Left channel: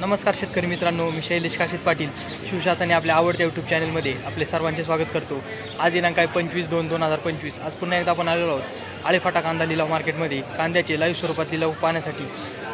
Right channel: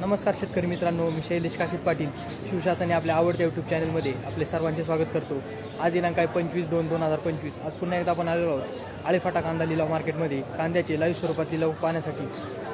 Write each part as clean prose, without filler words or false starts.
नमस्कार शेतकरी मित्रांनो, मी शैलेश काशीद पाटील शिवशासनाने आपल्या आवडत्या यूट्यूब चॅनलमध्ये आपले सर्वांचे स्वागत करतो। आज दिनांक आहे 25/2/2025। आज पुन्हा एकदा आपण आलेलो आहोत आळेफाटा कांदा लिलाव मार्केटमध्ये कांद्याचे लाईव्ह स्वरूपात लिलाव पाहण्यासाठी।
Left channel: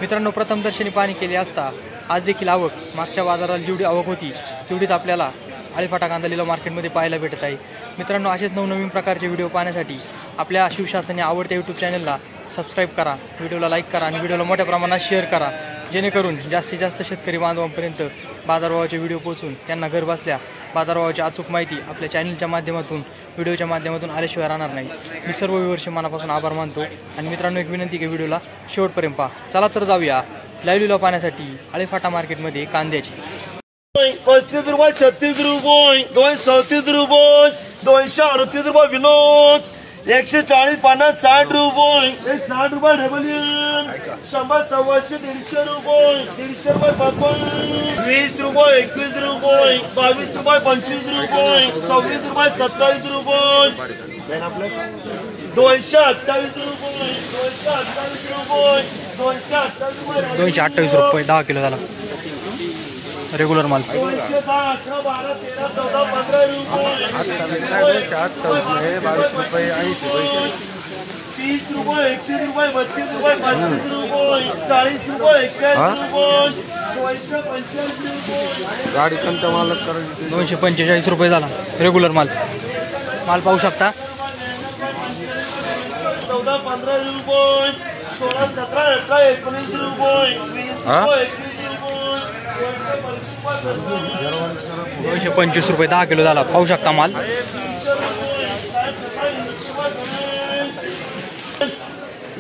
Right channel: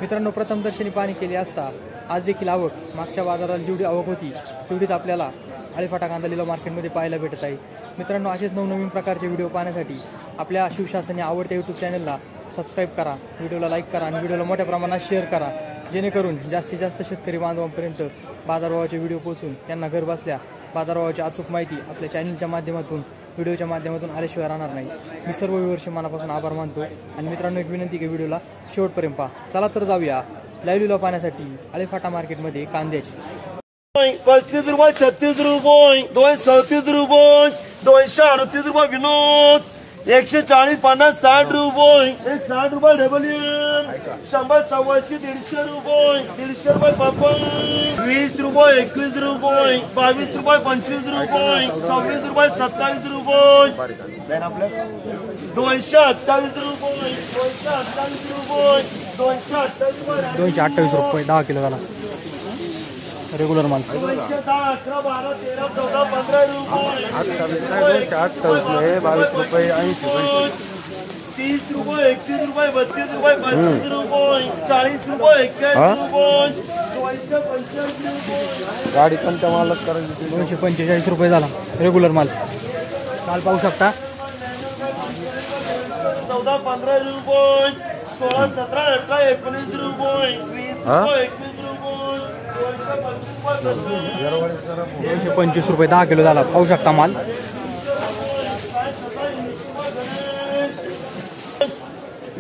मित्रांनो, प्रथम दर्शनी पाहणी केली असता आज देखील आवक मागच्या बाजारात जेवढी आवक होती तेवढीच आपल्याला आळेफाटा कांदा लिलाव मार्केटमध्ये पाहायला भेटत आहे। मित्रांनो, असेच नवनवीन प्रकारचे व्हिडिओ पाहण्यासाठी आपल्या शिवशासनाने आवडत्या यूट्यूब चॅनलला सबस्क्राईब करा, व्हिडिओला लाईक करा आणि व्हिडिओला मोठ्या प्रमाणात शेअर करा, जेणेकरून जास्तीत जास्त शेतकरी बांधवांपर्यंत बाजारभावाचे व्हिडिओ पोहोचून त्यांना घर बसल्या बाजारभावाची अचूक माहिती आपल्या चॅनलच्या माध्यमातून व्हिडिओच्या माध्यमातून आल्याशिवाय राहणार नाही। मी सर्व व्ह्यूअर्सचे मनापासून आभार मानतो आणि मित्रांनो, एक विनंती की व्हिडिओला शेवटपर्यंत पहा। चला तर जाऊया लाईव्ह लिलाव पाहण्यासाठी आळेफाटा मार्केटमध्ये कांद्याची। 35 रुपये, 36 रुपये, 237 रुपये, 238 रुपये विनोद, 140, 50, 60 रुपये, 60 रुपये डबल 100, 100, 150 रुपये, 150 रुपये पापड, 20 रुपये, 21 रुपये, 22 रुपये, 25 रुपये, 26 रुपये, 27 रुपये, 228 रुपये, 228 रुपये, 228 रुपये 10 किलो झाला रेग्युलर माल। 210, 11, 12, 13, 14, 15 रुपये, 30 रुपये, 31 रुपये, 32 रुपये, 35 रुपये, 40 रुपये, 41 रुपये, 245 रुपये, गाडी कोणता माल 245 रुपये झाला रेग्युलर माल। माल पाहू शकता 14, 15 रुपये, 16, 17, 18, 19 रुपये, 20 रुपये, 225 रुपये 10 किलो झाला, पाहू शकता माल।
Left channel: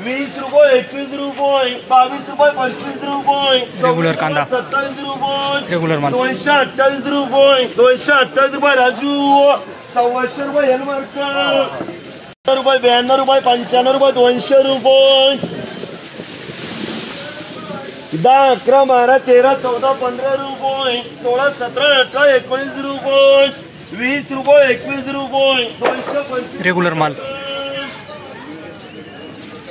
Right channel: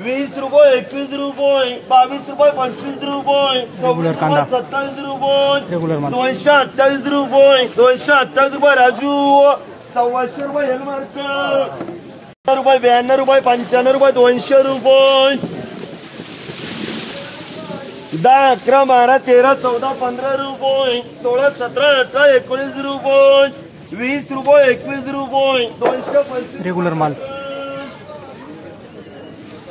20 रुपये, 21 रुपये, 22 रुपये, 25 रुपये, रेग्युलर कांदा 27 रुपये, रेग्युलर माल। 228 रुपये, 228 रुपये राजू, 100 रुपये हेलमार्क, रुपये 92 रुपये, 95 रुपये, 200 रुपये, 10, 11, 12, 13, 14, 15 रुपये, 16, 17, 18, 19 रुपये, 20 रुपये, 21 रुपये, 225 रेग्युलर माल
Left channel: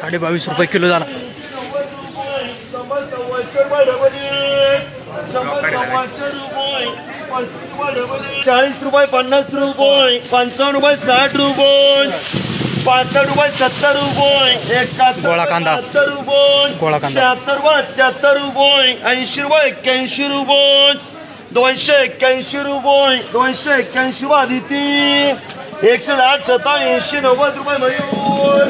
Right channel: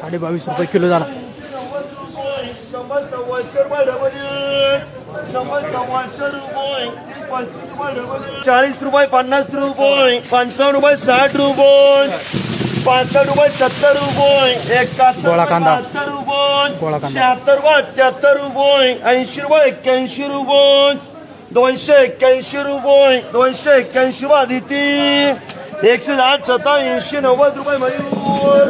22.5 रुपये किलो झाला। 40 रुपये, 50 रुपये, 55 रुपये, 60 रुपये, 65 रुपये, 70 रुपये, 71 गोळा कांदा, 70 रुपये, गोळा कांदा 76 रुपये, 78 रुपये, 80 रुपये, 81 रुपये, 281 रुपये, 281 रुपये आदिती, 108, 87, 90 रुपये मयूर,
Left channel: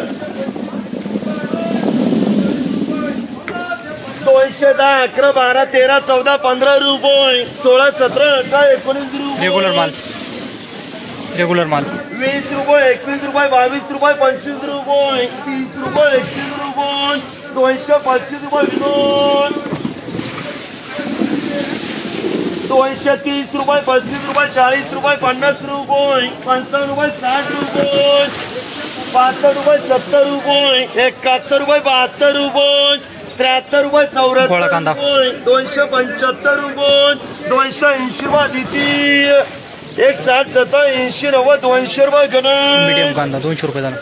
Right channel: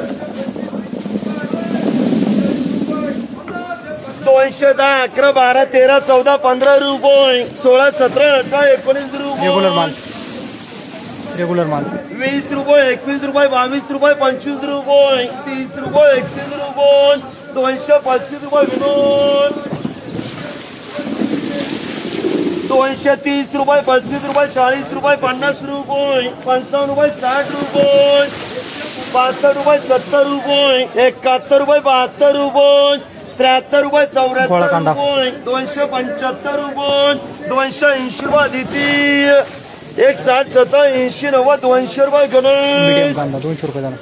210, 11, 12, 13, 14, 15 रुपये, 16, 17, 18, 19 रुपये, रेग्युलर माल रेग्युलर माल 20 रुपये, 21 रुपये, 22 रुपये, 25 रुपये, 30 रुपये, 31 रुपये, 235 रुपये विनोद, 230 रुपये, 35 रुपये, 40 रुपये, 50 रुपये, 55 रुपये, 60 रुपये, 65 रुपये, 70 रुपये, 71 रुपये, 72 रुपये, 73 रुपये, 74 रुपये, 275 रुपये, 280 रुपये आदिती, 160, 87, 90, 200 रुपये गणेश, मीडियम कांदा 200 रुपये झाला।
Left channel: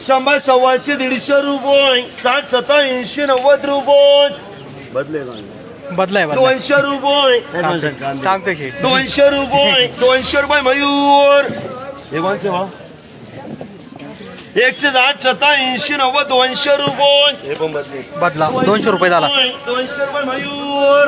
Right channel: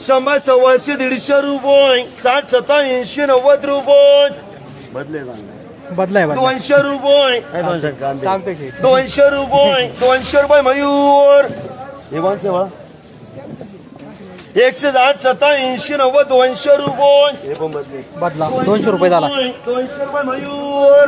100, 100, 150 रुपये, 60, 87, 90 रुपये, बदलाय 200 रुपये, सांगतो शेठ 200 रुपये, 200 रुपये मयूर, 108, 87, 90, 200 रुपये, बदला 200 रुपये झाला। 200 रुपये मयूर,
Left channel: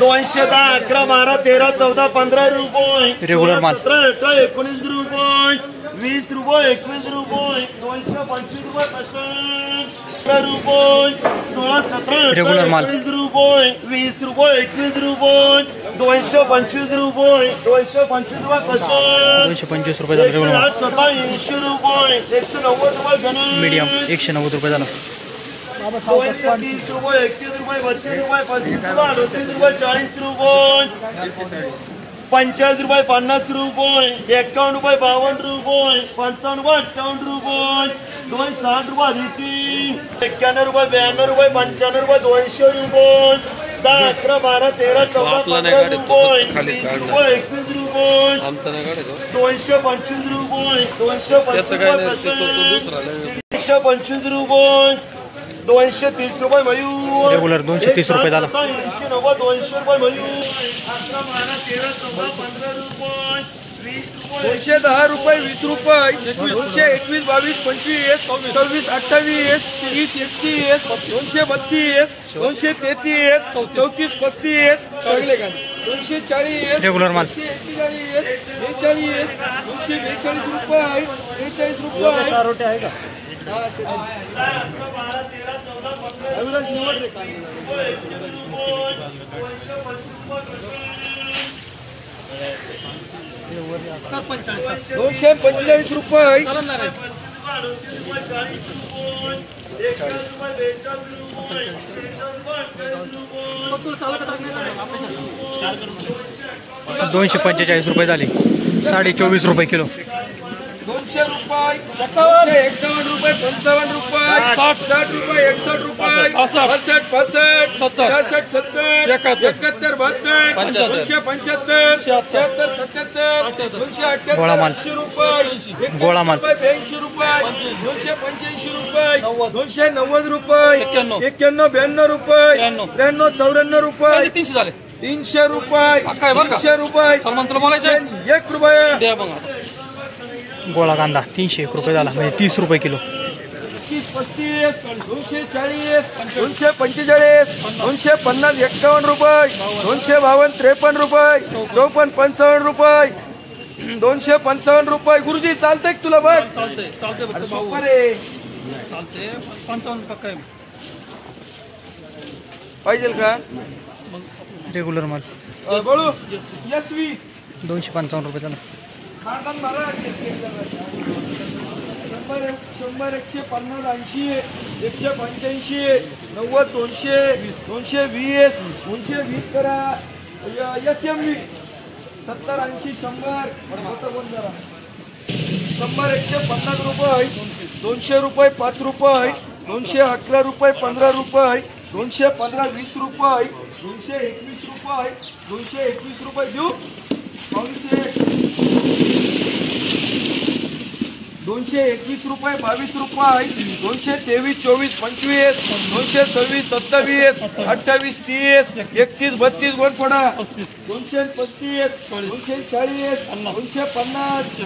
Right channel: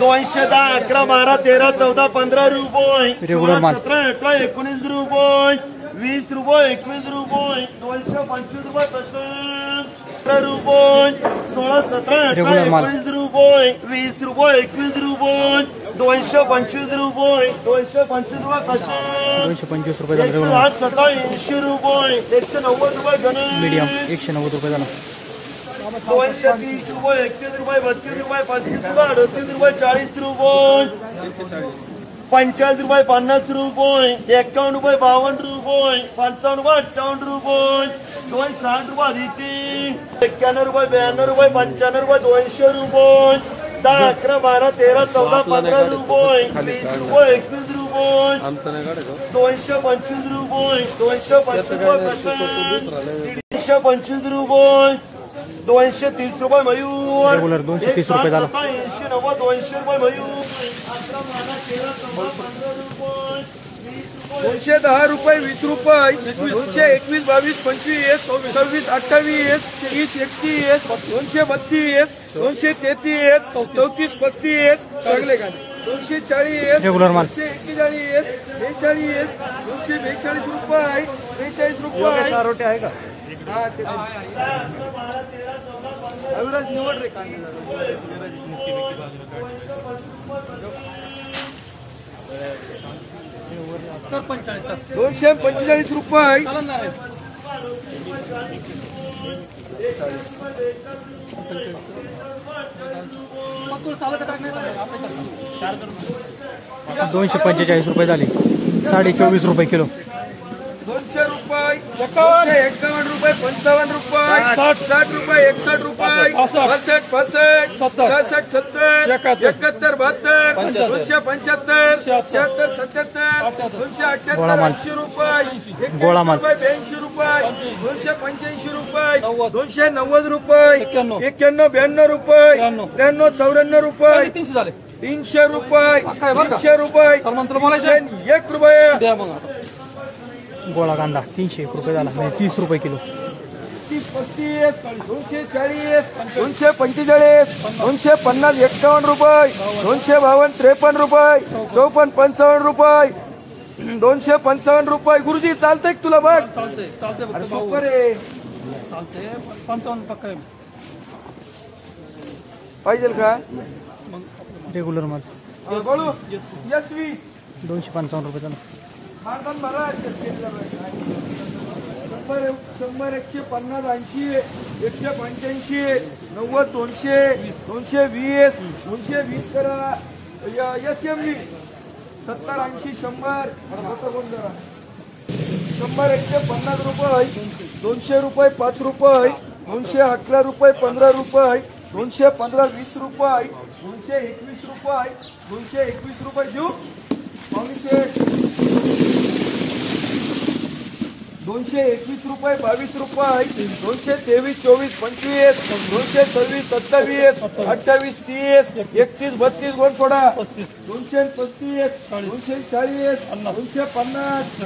210, 11, 12, 13, 14, 15 रुपये, रेग्युलर माल 17, 18, 19 रुपये, 20 रुपये, 21 रुपये, 225 रुपये 15 रुपये, 16, 17, 18, रेग्युलर माल 19 रुपये, 20 रुपये, 21 रुपये, 225 रुपये, 225 रुपये 225 रुपये झाला रेग्युलर माल। 87 रुपये, 190 रुपये गणेश, मीडियम 190 रुपये झाला। 230 रुपये, 31 रुपये, 32 रुपये, 35 रुपये, 38 रुपये, 40 रुपये, 50 रुपये, 50 रुपये, 51 रुपये, 52 रुपये, 55 रुपये, 58 रुपये, 260 रुपये आदिती, 91 रुपये, 92 रुपये, 95 रुपये, 200 रुपये, 10, 11, 12, 13, 14, 15 रुपये, 20 रुपये, 21 रुपये, रुपये 225 रुपये 225 रुपये 230 रुपये मयूर रेग्युलर 230 रुपये झाला 80 90 200 रुपये मयूर 11 12 13 14 15 रुपये 210 रुपये 20 रुपये 221 22 25 26 28 30 31 232 233 34 35 सगळे का 240 रेग्युलर माल 241 42 242 रुपये 43 रुपये रोटे आहे का अविराज निवड रे दोनशे 45 रुपये 245 रुपये झाले 24.5 रुपये किलो 200 रुपये 51 रुपये 55 रुपये 60 रुपये 61 रुपये 65 65 70 71 72 275 76 77 278 रुपये गोळा माल 82 रुपये 285 रुपये 290 रुपये 91 92 रुपये 93 94 रुपये 300 रुपये 300 रुपये 1 रुपये गोळा कांदा 301 रुपये झाला म्हणजे 30 रुपये किलो 35 240 245 250 51 रुपये 252 53 रुपये 54 55 रुपये 255 रुपये गुरुजी चालतंय तुला बघ सुपर आहे पाहिजे का रेग्युलर माल बोलू यशवी 255 रुपये झाला 100 100 150 80 185 90 200 220 220 करा SMV 70 80 100 150 रुपये 200 रुपये 5 रुपये 211 रुपये 15 रुपये 215 20 रुपये 221 रुपये 221 रुपये देऊ 221 रुपये 22 रुपये 223 24 25 226 27 28 30 31 32 वर थोडा 235 240 250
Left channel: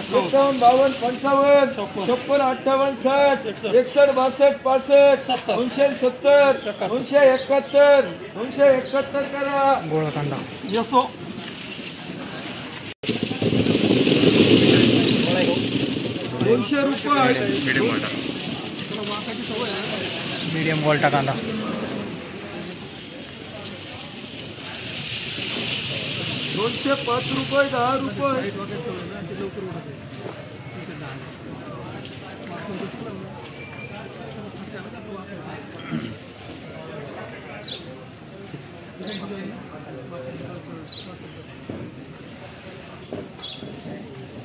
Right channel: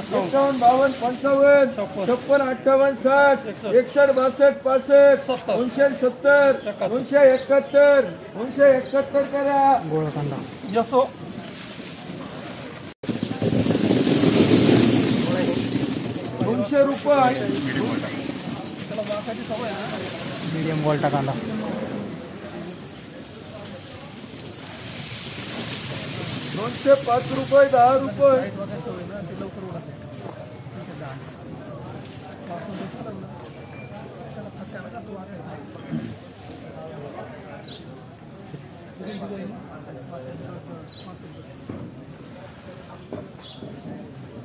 51 52 55 56 58 60 61 62 65 270 271 271 करा गोळा कांदा यसो 200 रुपये मीडियम गोल्टा कांदा 205 रुपये 10 रुपये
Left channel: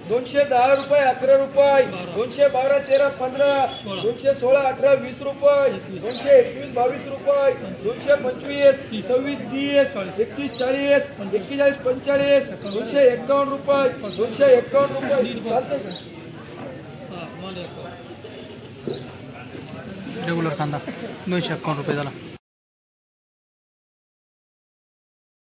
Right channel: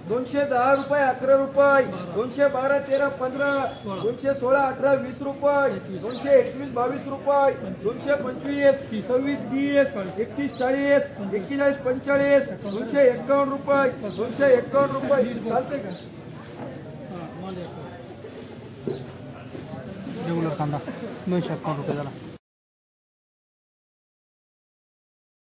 210 रुपये 11 रुपये 212 13 15 216 18 20 रुपये 221 22 रुपये 225 26 30 31 40 41 45 251 रुपये 251 रुपये चालतंय का रेग्युलर कांदा 251 रुपये झाला